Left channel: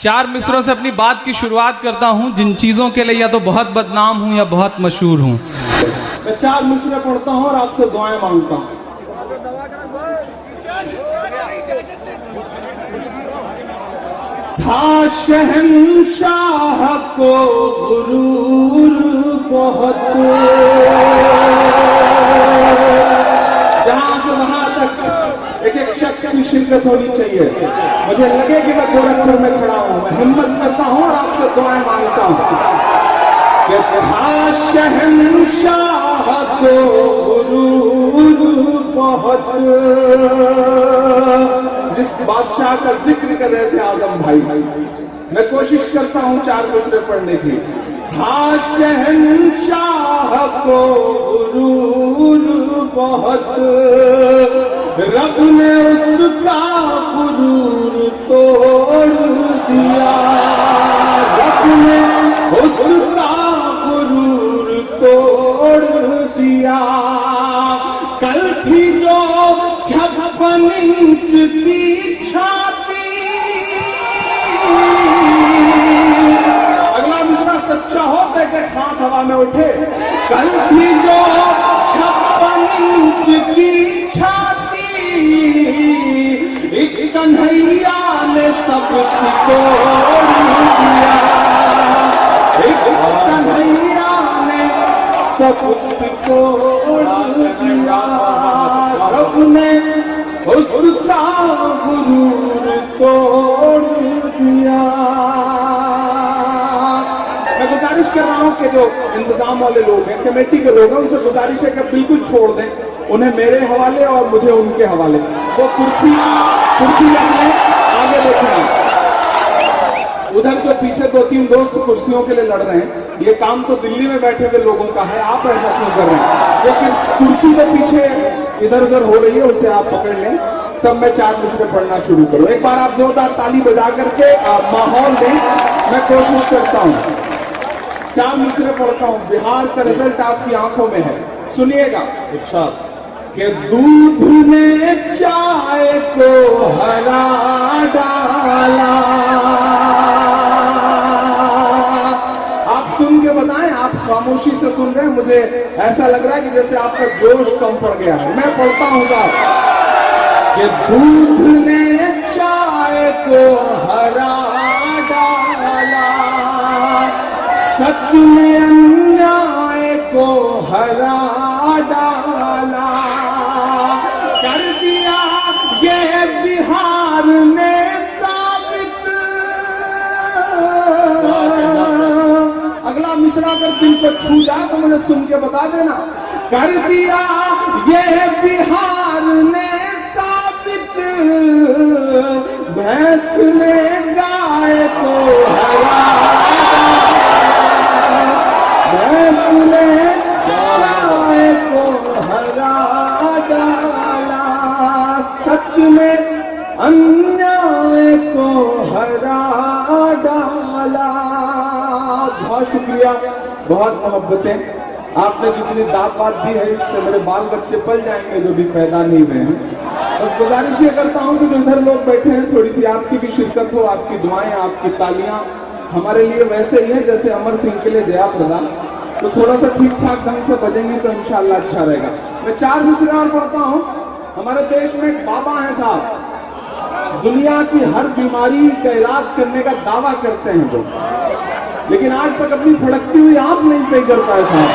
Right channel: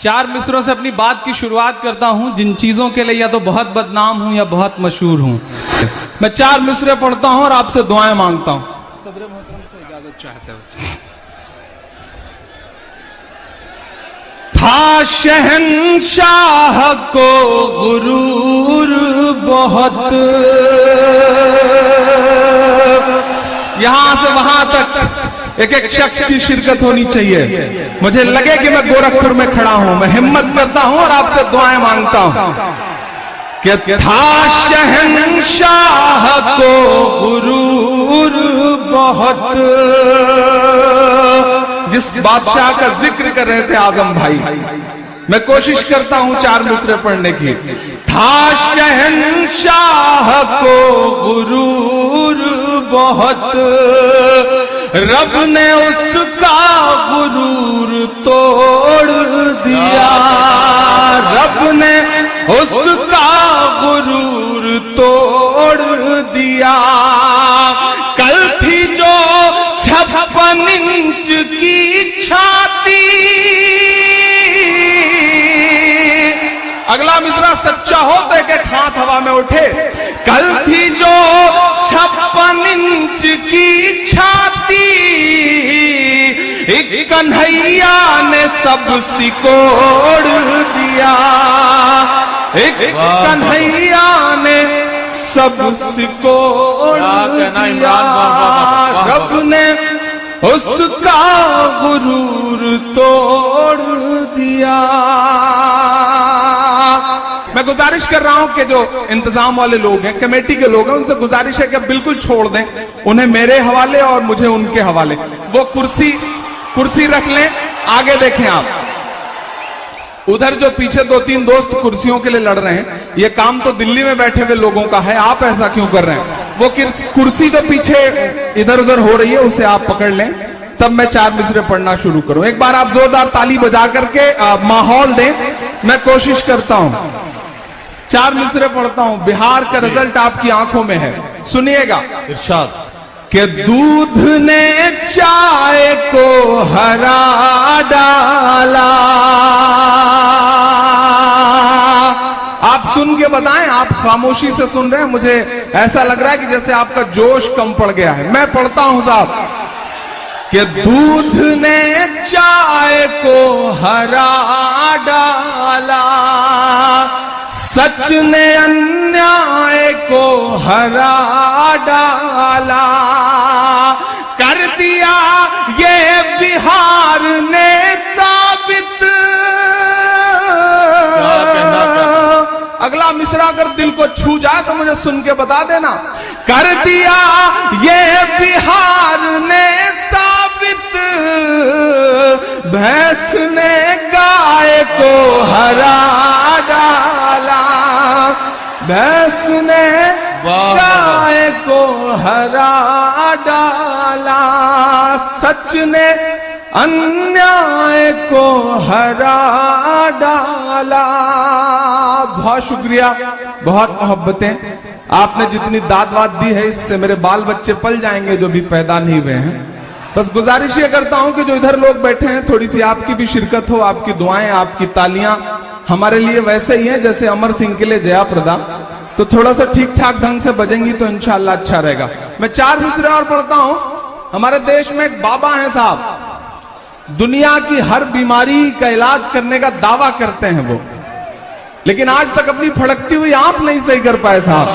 चार मिसरों से अपनी बात की शुरुआत करता हूं, जिन चीजों के लिए या तो बहुत बदनाम हूं या बहुत मशहूर हूं। मैं चार मिसरे पढ़ता हूं और आपसे दुआएं मांगता हूं। था शहंशाह को गुरूर बहुत, यहां से वहां तक एक एक शख्स की शिरकत होनी चाहिए। मुझे लगे कि मैं गोरखपुर में खड़ा हूं, मैं हिम्मत करता हूं और आपसे दुआएं मांगता हूं कि था शहंशाह को गुरूर बहुत, जिस बादशाह का जिक्र कर रहे थे आजम भाई, मैं कोशिश करता हूं चार मिसरे पढ़ने की। था शहंशाह को गुरूर बहुत, रब ने उसका गुरूर तोड़ दिया, रब ने उसका गुरूर तोड़ दिया। कल थी जो 56 इंच की छाती, अगला मिसरा सच्चा हो तो एक हाथ हवा में उठे। कल थी जो 56 इंच की छाती, एक कन्हैया ने सब सिकोड़ दिया, एक कन्हैया ने सब सिकोड़ दिया। रब ने उसका गुरूर तोड़ दिया। मैं गुजारिश कर रहा हूं कि जो इंतजाम वाले लोग हैं, कमेटी के लोग हैं, उनसे गुजारिश है कि बिल्कुल छोड़ दें, उन्हें मेरे हवाले और मुझे उनके हवाले। वो कुर्सी रख लें, आगे देखें आप। उधर जो पीछे 2-3 दोस्त कुर्सियों के लिए लड़ रहे हैं, ये काम तो दिल्ली में बैठे हुए लोगों का है, आप ऐसा क्यों कर रहे हैं? वो कुर्सी जो पीछे इधर उधर हो रही है, उसे आप पकड़ लें, तब मैं चार मिसरे पढ़ना शुरू करूं। एक बार आप जोरदार ताली बजा करके माहौल दें, मैं कोशिश करता हूं। चार मिसरे पढ़ता हूं। बिहार का रिजल्ट आपकी आंखों में है, सुनिएगा। इरशाद कि दूध ने चाय को हरा डाला। आप सुन के बताएं, आप खामोशी से सुन रहे हैं, मुझे ऐसा लग रहा है कि जैसे आपका जोश कम पड़ गया है। मैं पढ़ता हूं साहब कि दूध ने चाय को हरा डाला, सच ने अन्याय को हरा डाला, कर दिया ये बिहार ने साबित। अगला मिसरा अगर दिल को छू जाए तो मुझे सुन के बता देना। कर दिया ये बिहार ने साबित, भैंस ने गाय को हरा डाला, भैंस ने गाय को हरा डाला, सच ने अन्याय को हरा डाला। बहुत शुक्रिया, बहुत मोहब्बतें। आपने जितनी दाद वाद दी है, इससे मेरे बाल बच्चे पल जाएंगे जो भी पैदा नहीं हुए हैं। बस गुजारिश ये करता हूं कि जो इधर लोग बैठे हैं, थोड़ी सी आपकी भी शिरकत हो, आपकी दुआएं, आपकी तालियां हमारे लिए वैसे ही है जैसे अमर सिंह के लिए जया प्रदा। तो थोड़ा सा ठीक ठाक ढंग से बजेंगी तो इंशाअल्लाह अच्छा रहेगा। मैं चार मिसरे और पढ़ता हूं। हमारे देश में एक बाबा है साहब, दुनिया की हर बीमारी का इलाज करने का दावा करते हैं वो, लेकिन आज तक अपनी फड़कती हुई आंख नहीं सही कर पाए साहब।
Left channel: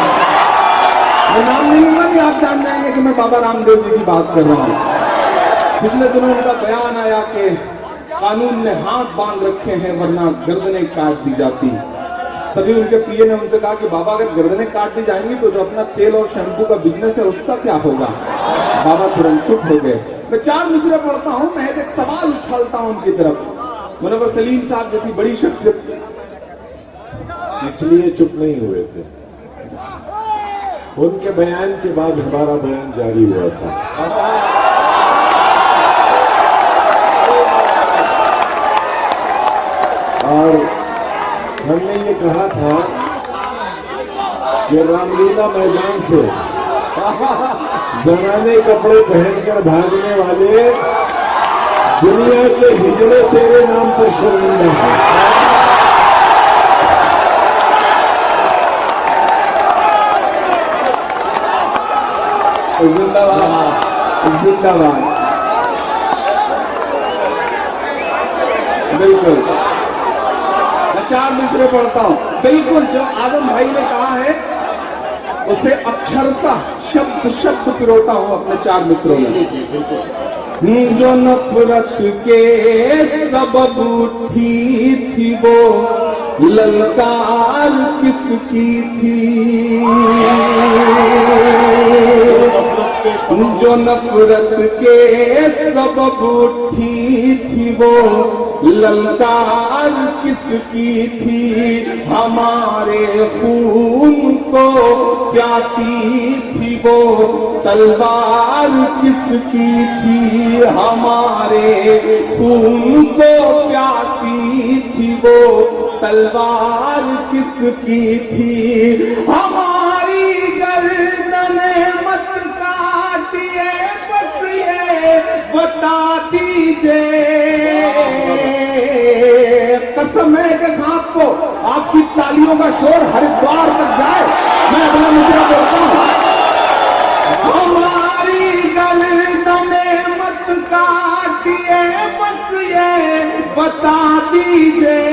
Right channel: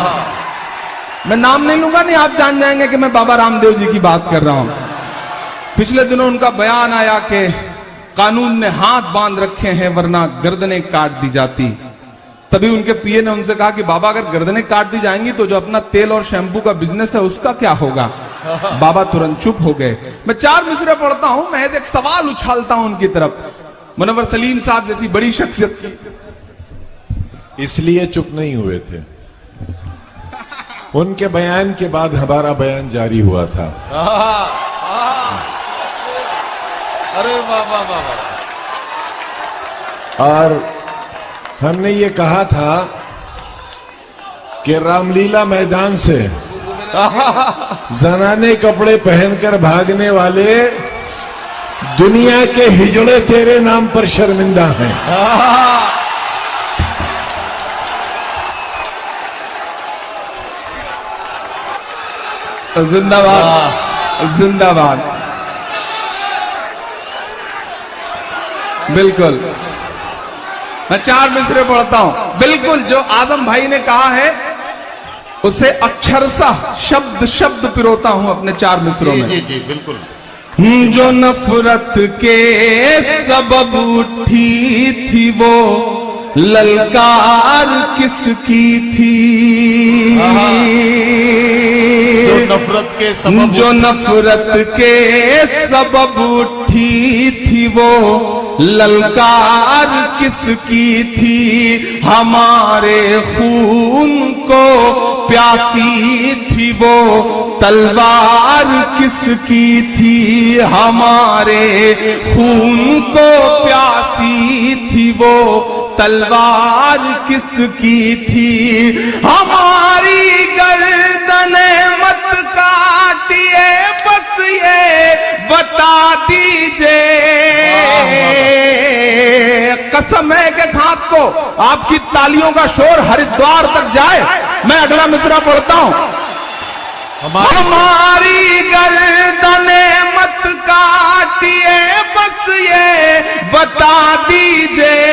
मैं नाम नहीं लूंगा, नहीं आप जान जाएंगे कि मैं बाबा रामदेव जी की बात कर रहा हूं। पिछले दिनों उनका बयान आया कि कानून ने हाथ बांध रखे हैं वरना गर्दनें काट दी जाती। तभी उनके पीए ने उनसे कहा कि बाबा अगर गर्दनें काट दी जाएंगी तो जो अपना तेल और शैम्पू का बिजनेस है उसका क्या होगा? बाबा तुरंत चुप हो गए। मैं चार मिसरे पढ़ता हूं, मैं एक सवाल उछालता हूं उनकी तरफ। मुनव्वर सलीम साहब जैसी बड़ी शख्सियत इसलिए चुप नहीं हुए थे, उनके बयान के बाद हमारा बयान जारी हुआ था। और हमने ये कहा था कि रामलीला मैदान से जनाने कपड़े पहनकर भागने वाले दुनिया के हिजड़े तेरे नाम पर शर्मिंदा हैं। जिंदाबाद जिंदाबाद। बिल्कुल, मैं 4 मिसरे पढ़ता हूं। बिल्कुल जो आजम भाई ने कहा है उसे अक्षरशः शब्द शब्द पिरोता हूं अपने 4 मिसरों में। जी बिल्कुल। जो नफरत के सबब उठी थी वो ललकार किसकी थी। जो नफरत के सबब उठी थी वो ललकार किसकी थी। हमारे खून को प्यासी थी वो तलवार किसकी थी। हमारे खून को प्यासी थी वो तलवार किसकी थी। हमारी गर्दने मत काटिए बस ये बता दीजिए। कसम है कि हाथ को आपकी तालियों का शोर हरिद्वार तक जाए। मैं अगला मिसरा पढ़ता हूं। हमारी गर्दने मत काटिए बस ये बता दीजिए।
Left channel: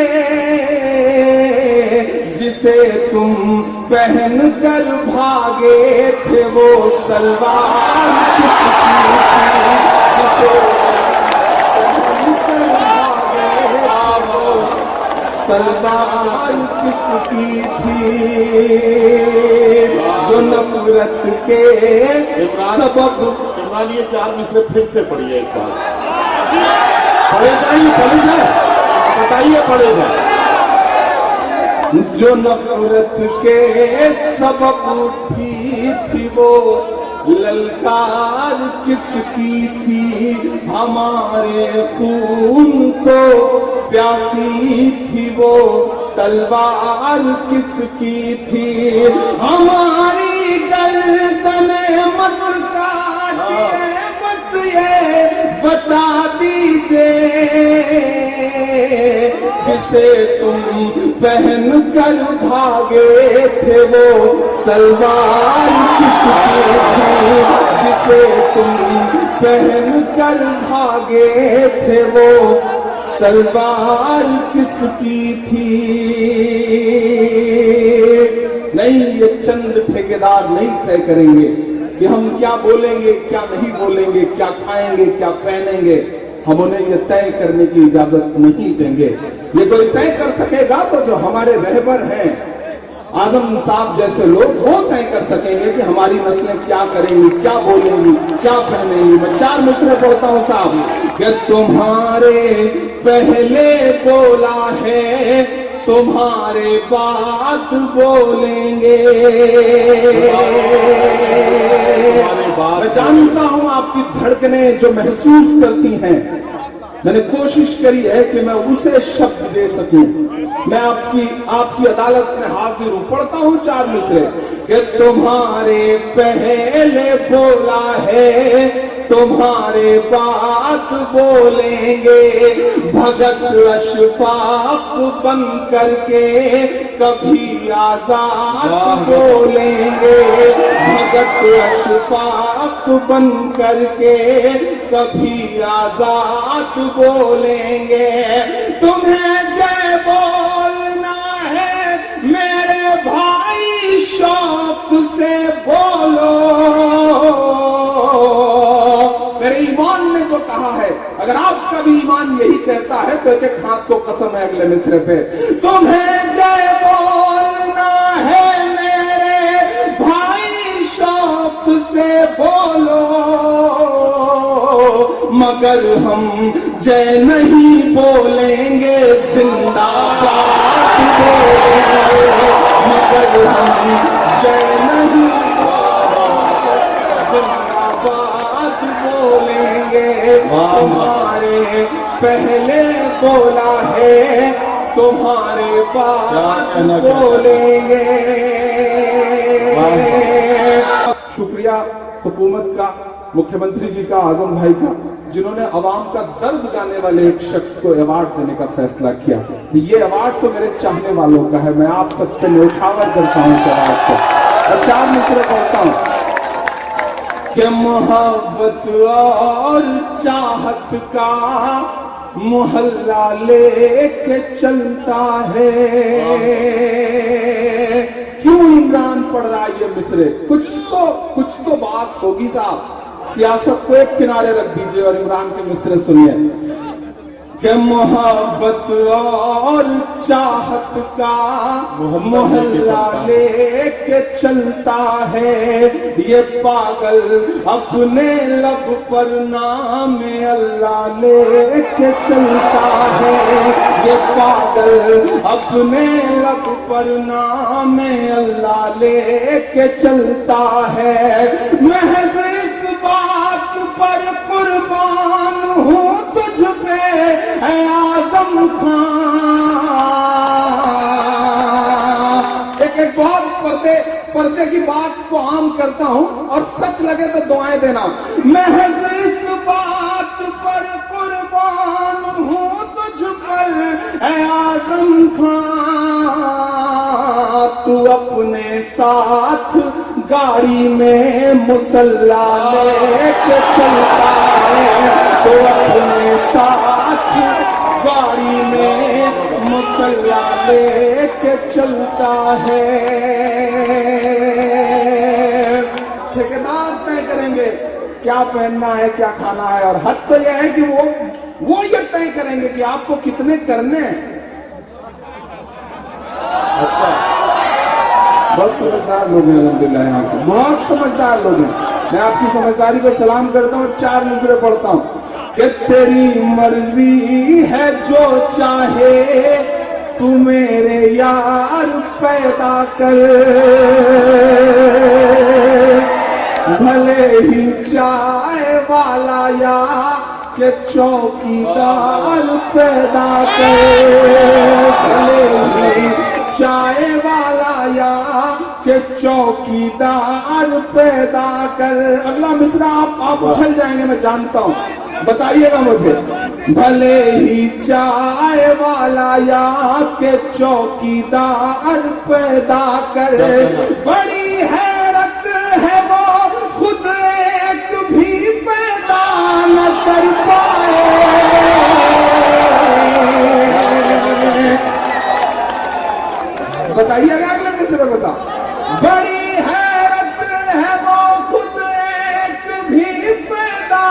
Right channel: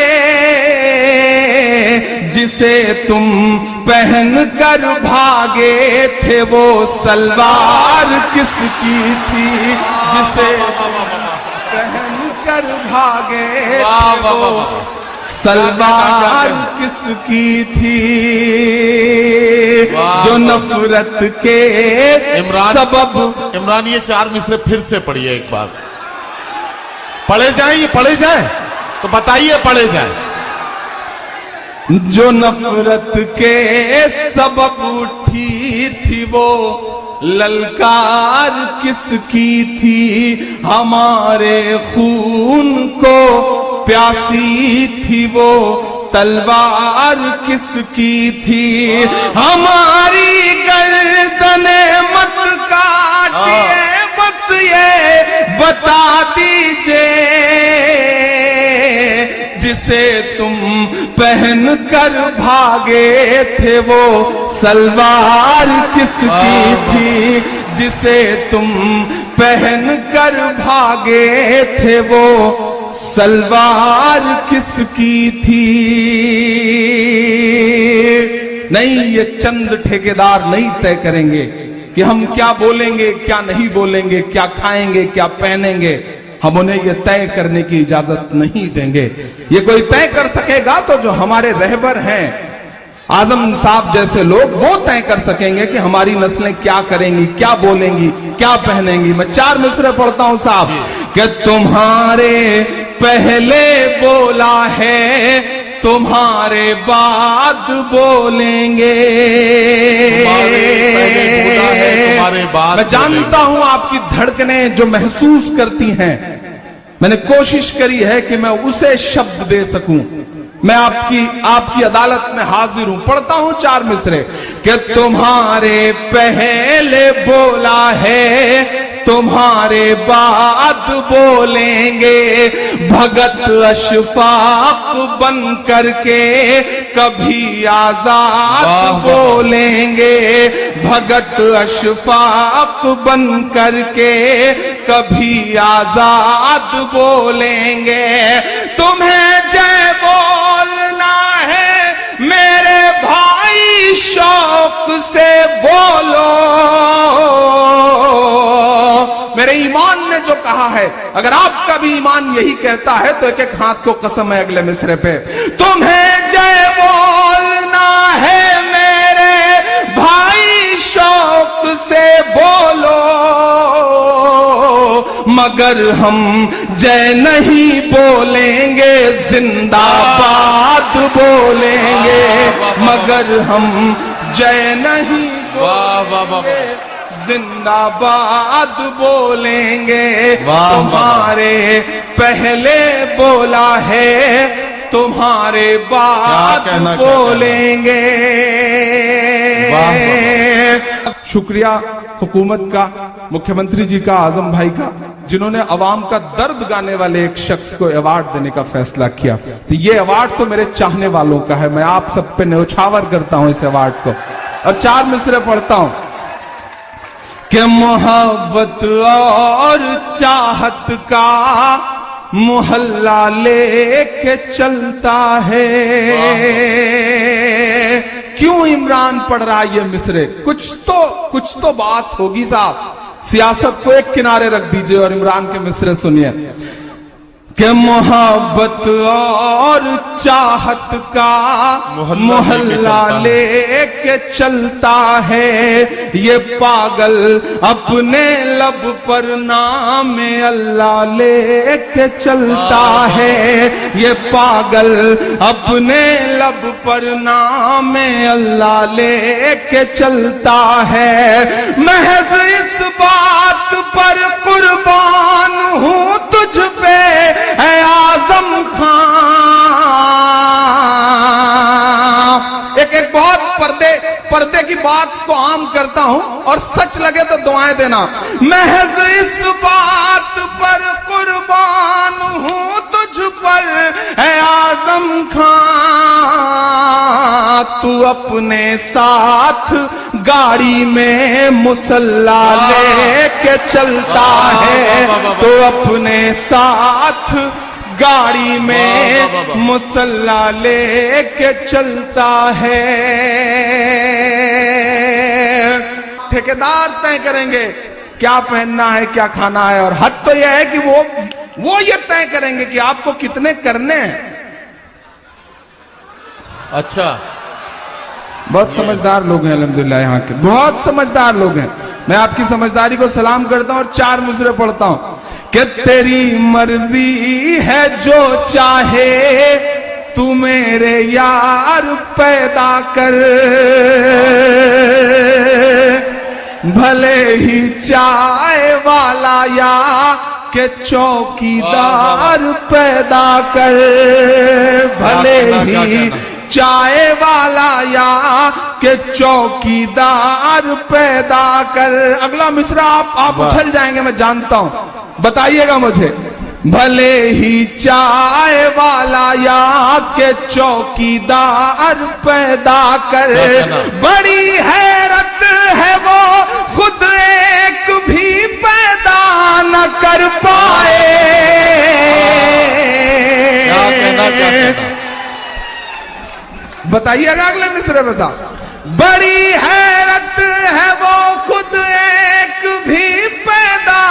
जिसे तुम पहन कर भागे थे वो सलवार किसकी थी। जिसे पहन कर भागे थे वो सलवार किसकी थी। जो नफरत के सबब। इमरान ये 4 मिसरे फिर से पढ़िए एक बार। पढ़े जाए तो बताइए, पढ़े जाए। जो नफरत के सबब उठी थी वो ललकार किसकी थी। हमारे खून को प्यासी थी वो तलवार किसकी थी। हमारी गर्दने मत काटिए बस ये बता दीजिए। जिसे तुम पहन कर भागे थे वो सलवार किसकी थी। जिसे तुम पहन कर भागे थे वो सलवार किसकी थी। नहीं, ये चंद ठेकेदार नहीं तय करेंगे कि हम क्या बोलेंगे क्या नहीं बोलेंगे, क्या खाएंगे क्या पहनेंगे। हम उन्हें ये तय करने की इजाजत नहीं देंगे। ये कोई तय कर सकेगा तो जो हमारे रहबर हैं आजम साहब जैसे लोग, वो तय कर सकेंगे कि हमारी नस्लें क्या करेंगी, क्या बोलेंगी, क्या पहनेंगी। मैं 4 मिसरे पढ़ता हूं साहब कि तुम्हारे पहले बोला है तुम्हारे बाद बोलेंगे। मैं जानता हूं आपकी धड़कनें जो महसूस करती हैं। मैंने कोशिश करी है कि मैं उसे शब्द दे सकूं। मैं आपकी अदालत में हाजिर हूं। पढ़ता हूं 4 मिसरे कि तुम्हारे पहले बोला है तुम्हारे बाद बोलेंगे। भगत अशफाक बन करके कभी आजाद बोलेंगे। भगत अशफाक बन करके कभी आजाद बोलेंगे। तुम्हें जय बोलना है मेरे भाई शौक से बोलो। मेरे ईमान ने जो कहा है, अगर आपका भी ईमान यही कहता है तो एक हाथ को कसम है अगले मिसरे पे। तुम्हें जय बोलना है मेरे भाई शौक से बोलो। मगर हम जय नहीं बोलेंगे जिंदाबाद बोलेंगे। मगर हम जय नहीं जिंदाबाद बोलेंगे। तुम्हारे पहले बोला है तुम्हारे बाद बोलेंगे। शुक्रिया हुकूमत का, मुख्यमंत्री जी का, आजम भाई का। जिन्होंने अवाम का दर्द गाने वाले एक शख्स को अवार्ड देने का फैसला किया। तो ये अवार्ड तो मेरे चाहने वालों का है, मैं आप सब पे न्यौछावर करता हूं इस अवार्ड को। और 4 मिसरे पढ़ता हूं कि मोहब्बत और चाहत का मोहल्ला लेके चलता है। क्यों इमरान पढ़ रहा है ये मिसरे? कुछ तो बात होगी साहब। सियासत को एक किनारे रख दीजिए और इमरान के मिसरे सुनिए कि मोहब्बत और चाहत का मोहल्ला लेके चलता है। ये पागल अपने लब पर नाम अल्लाह लेके चलता है। ये पागल अपने लब पर नाम अल्लाह लेके चलता है। महज इस बात पर कुर्बान हूं तुझ पे है आजम खां। एक बहुत पर्दे की बात को आम करता हूं और सच लगे तो दुआएं देना। महज इस बात पर कुर्बान हूं तुझ पर है आजम खां। तू अपने साथ गाड़ी में मुसल्ला लेके चलता है। तो अपने साथ गाड़ी में मुसल्ला लेके चलता है। ठेकेदार तय करेंगे क्या पहनना है, क्या खाना है, और हद तो यह है कि वो ये तय करेंगे कि आपको कितने करने हैं। अच्छा, बहुत समझदार लोग हैं अल्हम्दुलिल्लाह, यहाँ के बहुत समझदार लोग हैं। मैं आपकी समझदारी को सलाम करता हूँ और 4 मिसरे पढ़ता हूँ कि तेरी मर्जी है जो चाहे तू मेरे यार पैदा कर। भले ही चाय वाला या के चौकीदार पैदा कर। भले ही चाय वाला या के चौकीदार पैदा कर। अगला मिसरा आप उछल जाएंगे, मैं जानता हूं, बताइएगा मुझे। भले ही चाय वाला या के चौकीदार पैदा कर। बड़ी हैरत है वो खुद एक भी पैदा न कर पाए। बताइएगा अगले मिसरे में साहब। बड़ी हैरत है वो खुद एक भी पैदा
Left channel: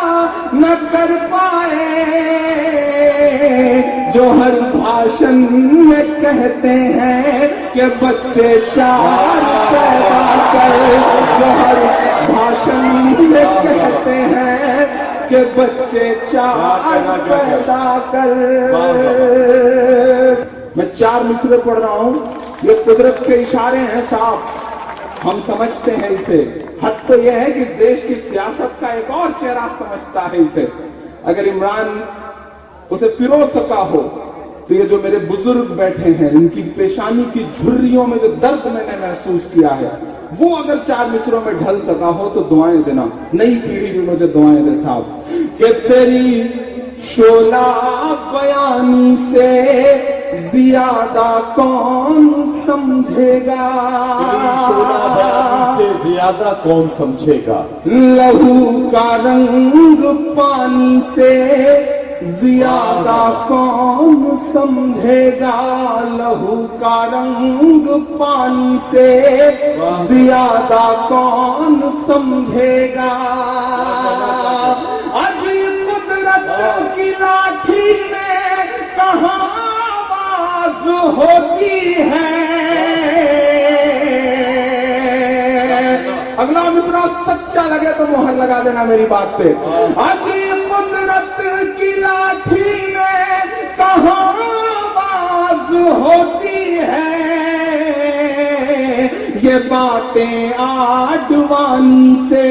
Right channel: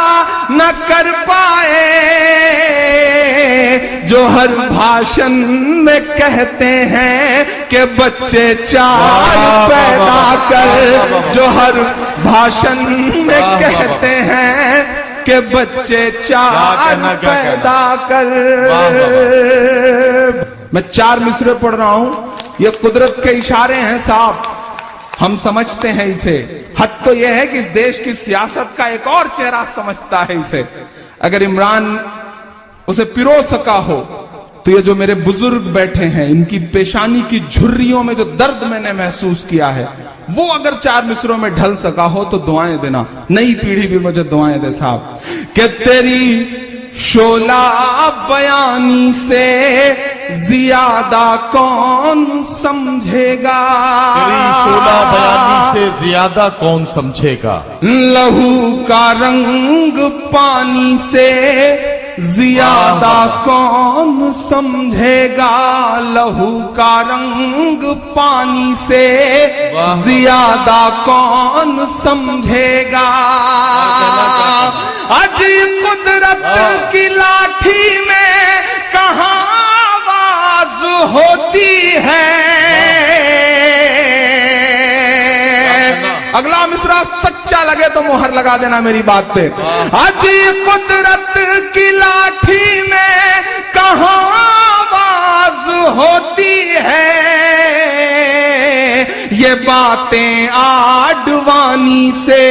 न कर पाए। जो हर भाषण में कहते हैं कि बच्चे 4 पैदा कर। जो हर भाषण में कहते हैं कि बच्चे 4 पैदा कर। मैं 4 मिसरे पढ़ रहा हूं, ये कुदरत के इशारे हैं साहब, हम समझते हैं इसे। हद तो यह है कि इस देश की सियासत का एक और चेहरा समझता है इसे। अगर इमरान उसे पिरो सका हो तो ये जो मेरे बुजुर्ग बैठे हैं, इनकी पेशानी की झुर्रियों में जो दर्द मैंने महसूस किया है, वो अगर 4 मिसरों में ढल सका हो तो दुआएं देना। नई पीढ़ी भी मुझे दुआएं दे साहब कि तेरी शोला बयानी से ज्यादा कौन समझेगा। शोला बयानी से ज्यादा कौन समझेगा। लहू का रंग पानी से ज्यादा कौन समझेगा। लहू का रंग पानी से ज्यादा कौन समझेगा। अजीब कुदरत की लाठी में कहां आवाज होती है। अगला मिसरा सच्चा लगे तो मोहर लगा देना मेरी बात पे। अजीब कुदरत की लाठी में कहां आवाज होती है। ये बातें आडवाणी से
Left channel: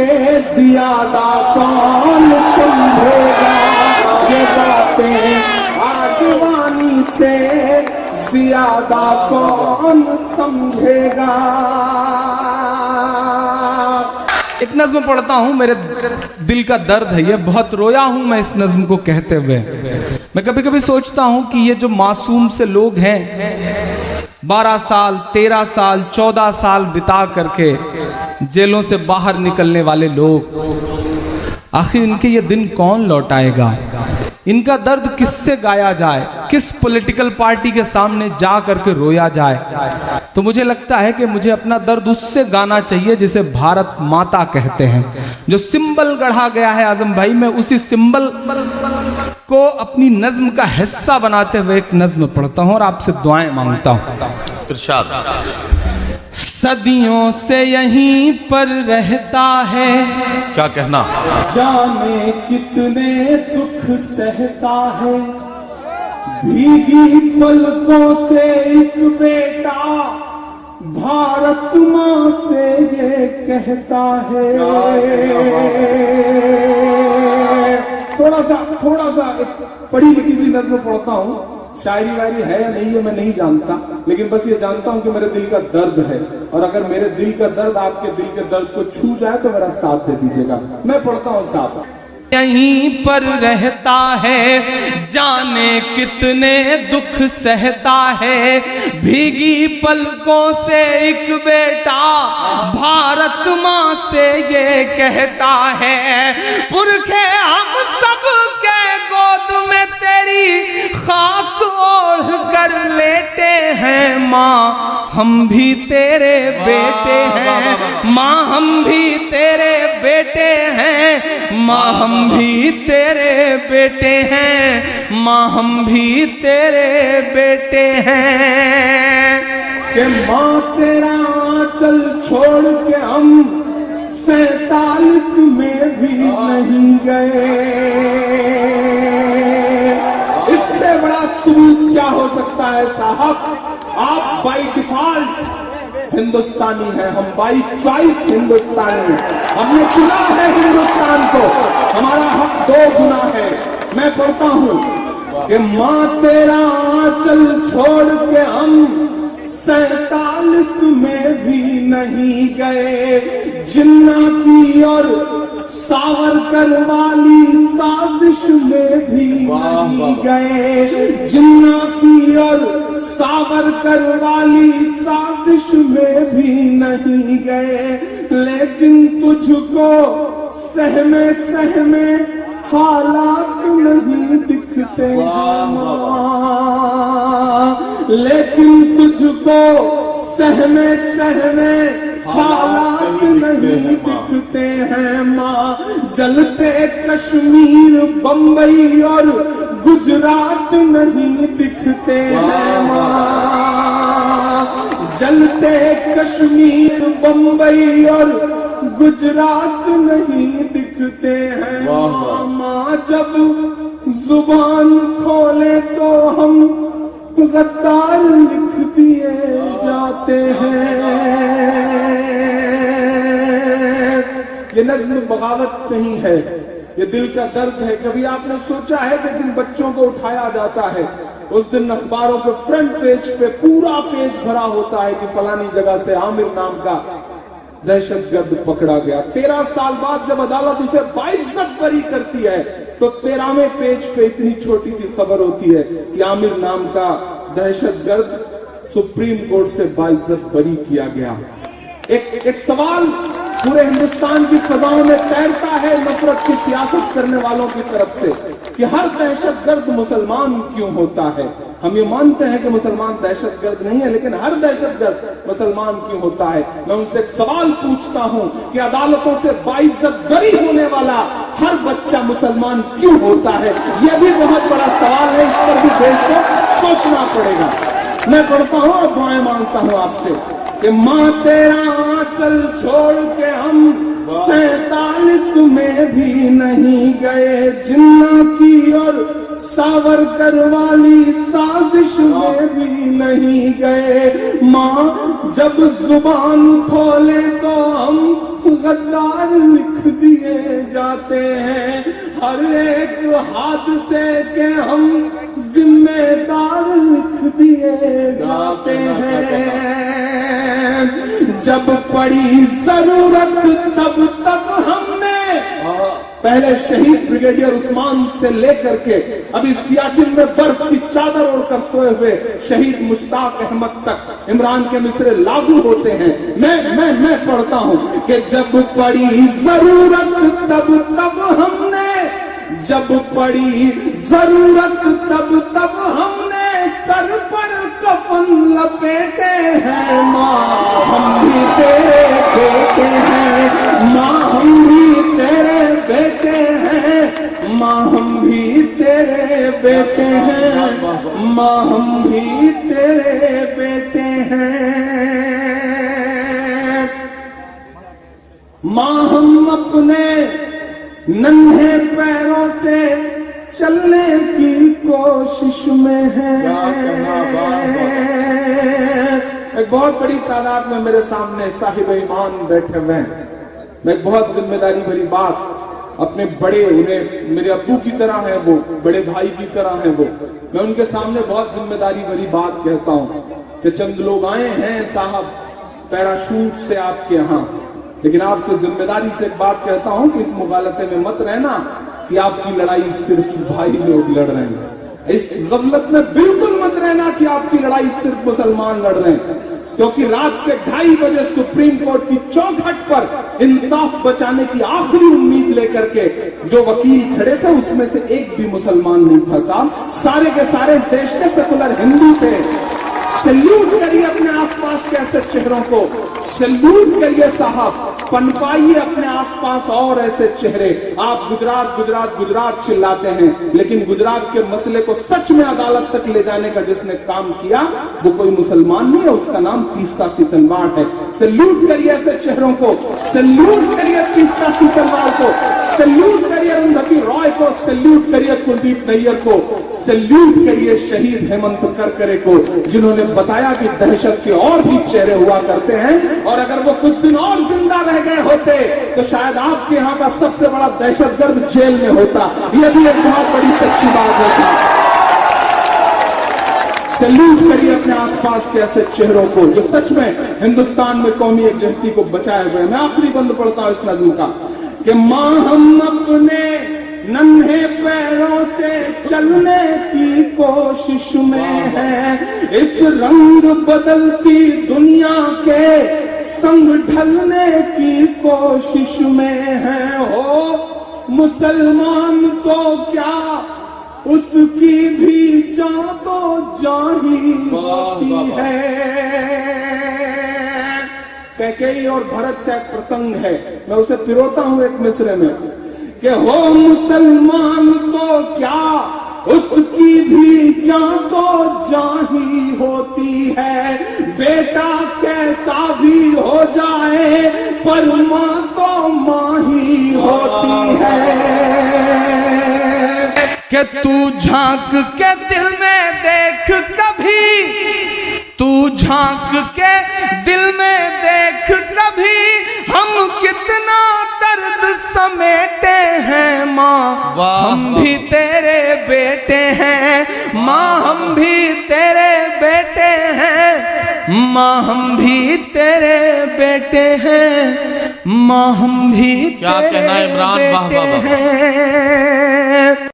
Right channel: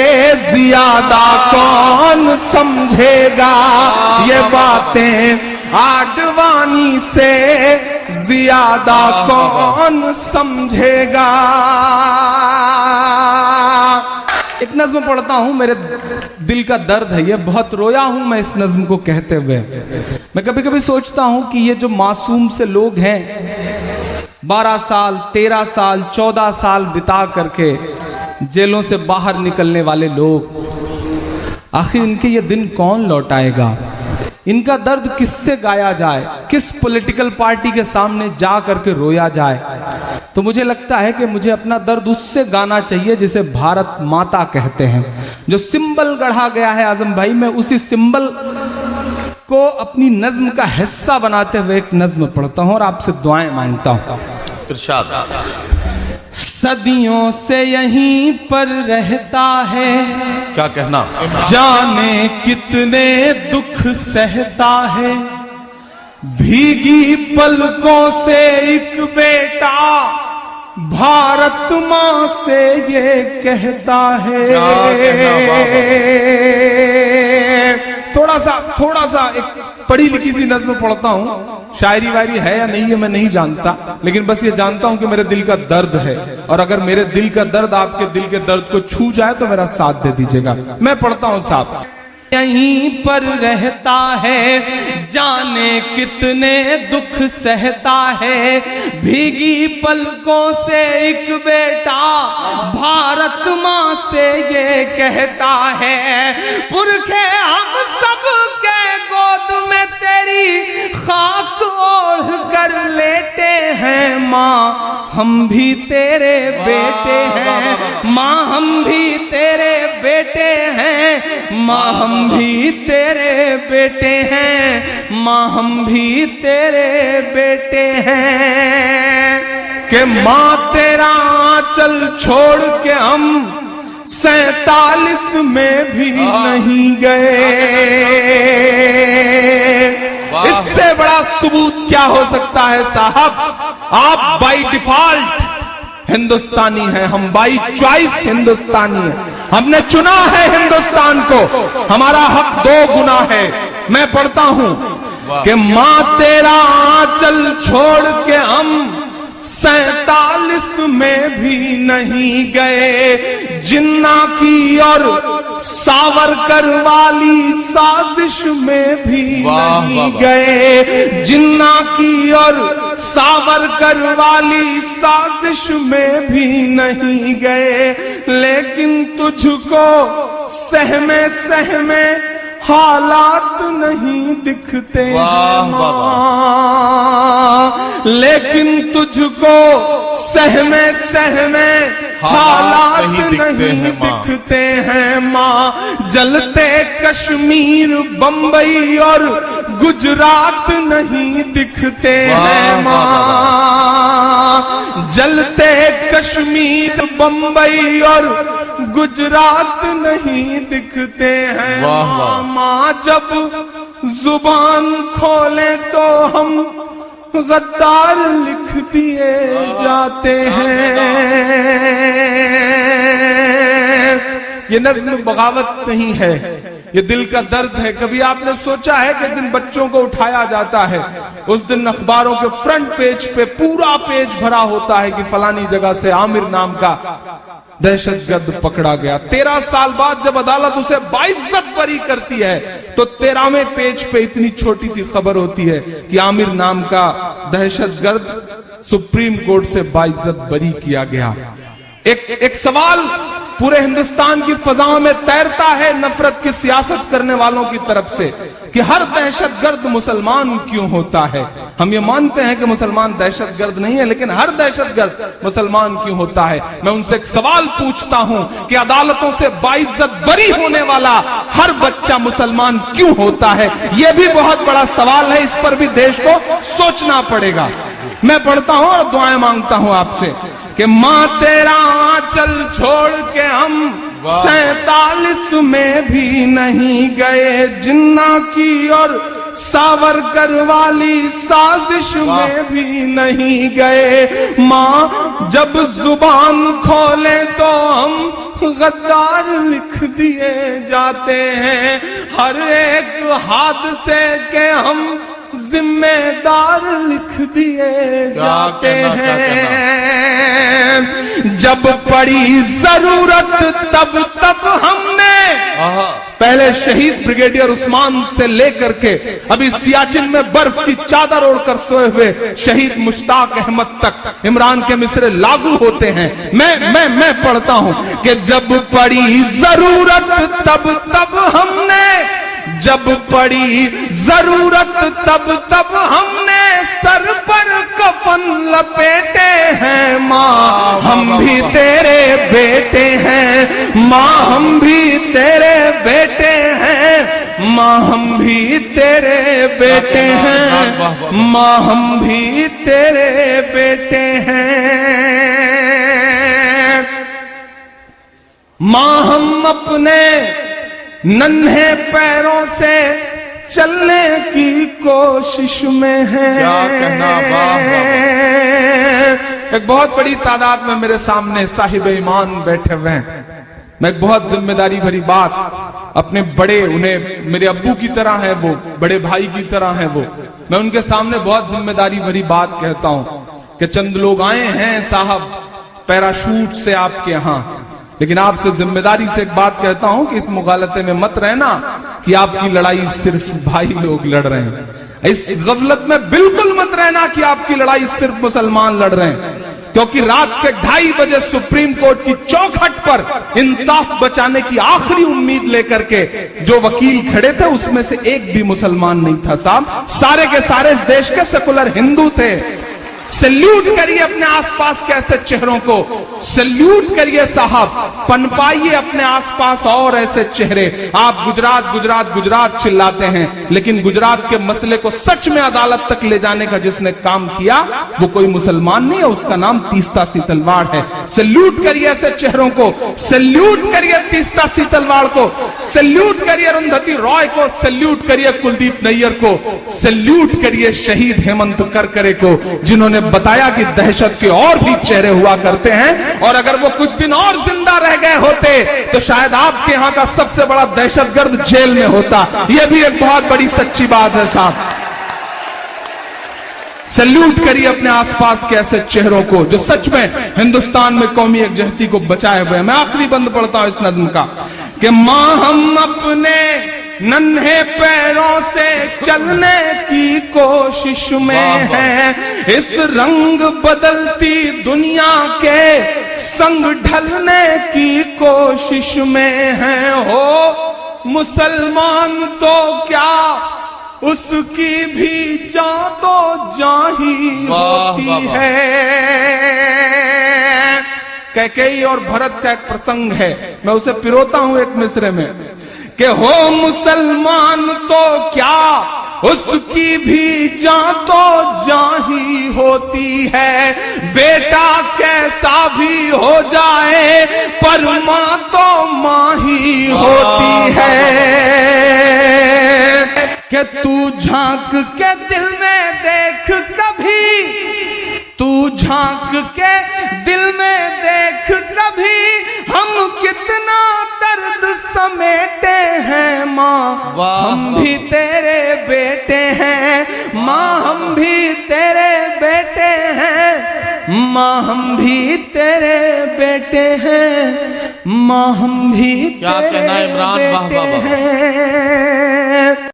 ज्यादा कौन समझेगा। ये बातें आडवाणी से ज्यादा कौन समझेगा। एक नज्म पढ़ता हूं, मेरे दिल का दर्द है ये, बहुत रोया हूं मैं इस नज्म को कहते हुए। मैं कभी कभी सोचता हूं कि ये जो मासूम से लोग हैं, 12 साल 13 साल 14 साल बिता करके जेलों से बाहर निकलने वाले लोग, आखिर इनके ये दिन कौन लौटाएगा? इनका दर्द किससे गाया जाए? किस पॉलिटिकल पार्टी के सामने जा करके रोया जाए? तो मुझे लगता है कि मुझे अपना दर्द उससे गाना चाहिए जिसे भारत माता कहते हैं, जो सिंबल गढ़ा गया है आजम भाई। मैं उसी सिंबल को अपनी नज्म का हिस्सा बनाते हुए एक नज्म पढ़ता हूं और आपसे दुआएं मांगता हूं। इरशाद। सदियों से यहीं पर रहता है, क्या कहना? जाने कितने दुख सहता है, भीगी पलकों से एक बेटा भारत माँ से ये कहता है। थोड़ा सा एक पढ़ी लिखी सी नज्म पढ़ता हूं, शायरी वायरी है या नहीं है मैं नहीं जानता, लेकिन बस ये जानता हूं कि मेरे दिल का दर्द है, और अगर मेरे दिल का दर्द आपके दिल के दर्द को छू जाए तो मेरा साथ दे दीजिएगा। मैं पढ़ता हूं साहब। यहीं पर रहता है, जाने कितने दुख सहता है, भीगी पलकों से एक बेटा भारत माँ से ये कहता है, पुरखे हम सब के गोद में तेरी खाक ओढ़ कर लेटे हैं, माँ हम भी तेरे बेटे हैं, माँ हम भी तेरे बेटे हैं, माँ हम भी तेरे बेटे हैं, माँ हम भी तेरे बेटे हैं। कि माँ तेरा आंचल छोड़ के हम 47 में भी नहीं गए। इससे बड़ा सबूत क्या हो सकता है साहब? आप बाय डिफॉल्ट हिंदुस्तानी हैं, हम बाई चॉइस हिंदुस्तानी हैं। हमने चुना है हिंदुस्तान को, हमारा हक 2 गुना है। मैं पढ़ता हूं कि माँ तेरा आंचल छोड़ के हम 47 में भी नहीं गए, जिन्ना की और सावरकर वाली साजिश में भी नहीं गए, जिन्ना की और सावरकर वाली साजिश में भी नहीं गए, लेकिन तुझको सहमे सहमे हालात नहीं दिखते, लेकिन तुझको सहमे सहमे हालात नहीं दिखते हैं माँ। जलते कश्मीर बंबई और गुजरात नहीं दिखते हैं माँ, जलते कश्मीर बंबई और गुजरात नहीं दिखते हैं माँ। जब जुबान खोले तो हम गद्दार लिख दिए जाते हैं। ये नज्म बगावत नहीं है, ये दिल का दर्द है। कभी आपने सोचा है कि जिन बच्चों को उठाया जाता है उस दिन अखबारों के फ्रंट पेज पे पूरा पेज भरा होता है कि फलानी जगह से आमिर नाम का दहशतगर्द पकड़ा गया। 13 साल बाद जब अदालत उसे 22 बरी करती है तो 13वें पेज पे इतनी छोटी सी खबर होती है कि आमिर नाम का दहशतगर्द सुप्रीम कोर्ट से 22 बरी किया गया। एक सवाल पूरे हिंदुस्तान की फजा में तैरता है नफरत की सियासत करने वालों की तरफ से कि हर दहशतगर्द मुसलमान क्यों होता है। हम ये मानते हैं कि मुसलमान दहशतगर्द नहीं है, लेकिन हर दहशतगर्द मुसलमान क्यों होता है। मैं उनसे एक सवाल पूछता हूं कि अदालतों से 22 बरी होने वाला हर बच्चा मुसलमान क्यों होता है। यह भी बहुत बड़ा सवाल है, इस पर भी देश को सोचना पड़ेगा। मैं पढ़ता हूं और दुआएं मांगता हूं आपसे कि माँ तेरा आंचल छोड़ के हम 47 में भी नहीं गए, जिन्ना की और सावरकर वाली साजिश में भी नहीं गए। माँ जब जुबान खोले तो हम गद्दार लिख दिए जाते हैं, हर एक हादसे के हम जिम्मेदार लिख दिए जाते हैं। जब पड़ी जरूरत तब तब हमने पहले शहीद ब्रिगेडियर उस्मान से लेकर के अभी सियाचिन में बर्फ की चादर ओढ़कर सोए हुए शहीद मुश्ताक अहमद तक इमरान के मिसरे लागू होते हैं। मैं पढ़ता हूं कि जब पड़ी जरूरत तब तब हमने, जब पड़ी जरूरत तब तब हमने सर पर कफन लपेटे हैं। माँ हम भी तेरे बेटे हैं, माँ हम भी तेरे बेटे हैं, माँ हम भी तेरे बेटे हैं, माँ हम भी तेरे बेटे हैं। माँ हम अपने नन्हे पैरों से चलने की कोशिश में है। एक बहुत बड़ी तादाद में मेरे सामने साहिब ईमान बैठे हुए हैं। मैं एक बहुत जिम्मेदारी भरी बात अपने बड़े, उन्हें मेरे अब्बू की तरह है वो, बड़े भाई की तरह है वो, मैं उनके सामने बहुत जिम्मेदारी भरी बात कहता हूं कि चंद लोग आए हैं साहब पैराशूट से आपके यहां, लेकिन आपसे जिम्मेदारी से एक बात कहता हूं कि इस मुगालते में मत रहना कि आपकी लड़ाई सिर्फ भाई लोग लड़ रहे हैं। इस गफलत में बिल्कुल मत रहना कि आपकी लड़ाई सिर्फ मुसलमान लड़ रहे हैं, क्योंकि रात के 2:30 बजे सुप्रीम कोर्ट की चौखट पर इंसाफ बचाने की आखिरी उम्मीद लेकर के जो वकील खड़े थे उसमें से एक भी मुसलमान नहीं था साहब, सारे के सारे इस देश के सेकुलर हिंदू थे। सैल्यूट करिए अपने आसपास के ऐसे चेहरों को, सैल्यूट करिए साहब, पनपाइए अपने आसपास और ऐसे चेहरे। आप गुजरात गुजरात गुजरात चिल्लाते हैं, लेकिन गुजरात के मसले को सच में अदालत तक ले जाने का जिसने काम किया वो कोई मुसलमान नहीं है, उसका नाम तीस्ता सीतलवाड़ है। सैल्यूट करिए ऐसे चेहरों को, सैल्यूट करिए तीस्ता सीतलवाड़ को, सैल्यूट करिए अरुंधति रॉय को, सैल्यूट करिए कुलदीप नैयर को, सैल्यूट करिए शहीद हेमंत करकरे को, जिन्होंने बताया कि दहशत के और भी चेहरे हुआ करते हैं, और अगर वो कुछ दिन और जिंदा रह गए होते तो शायद आपके यहां का सबसे बड़ा दहशतगर्द जेल में होता। यह भी एक बहुत बड़ी सच्ची बात है साहब। सैल्यूट करिए अपने आसपास के ऐसे चेहरों को जो सच में हिंदुस्तान में कौमी एकजुटती को बचाए हुए हैं। मैं आखिरी बंद पढ़ता हूं इस नज्म का कि मां हम अपने नन्हे पैरों से चलने की कोशिश में है, इस रंग बदलती दुनिया के संग ढलने की कोशिश में है। हो मुसलमान तो क्या उसकी भी जान तो जाही होती है। कैकेयी और भरत का एक प्रसंग है, मैं उसे पिरोता हूं एक मिसरे में कि हो मुसलमान तो क्या उसकी भी जान तो जाही होती है, बेटा कैसा भी हो जाए पर मां तो मां ही होती है। कि तू झांक के दिल में देख कभी, तू झांक के दिल में देख कभी, हम कितना दर्द समेटे हैं। माँ हम भी तेरे बेटे हैं, माँ हम भी तेरे बेटे हैं, माँ हम भी तेरे बेटे हैं, माँ हम भी क्या कहना है इमरान, वाह वाह वाह। हैं।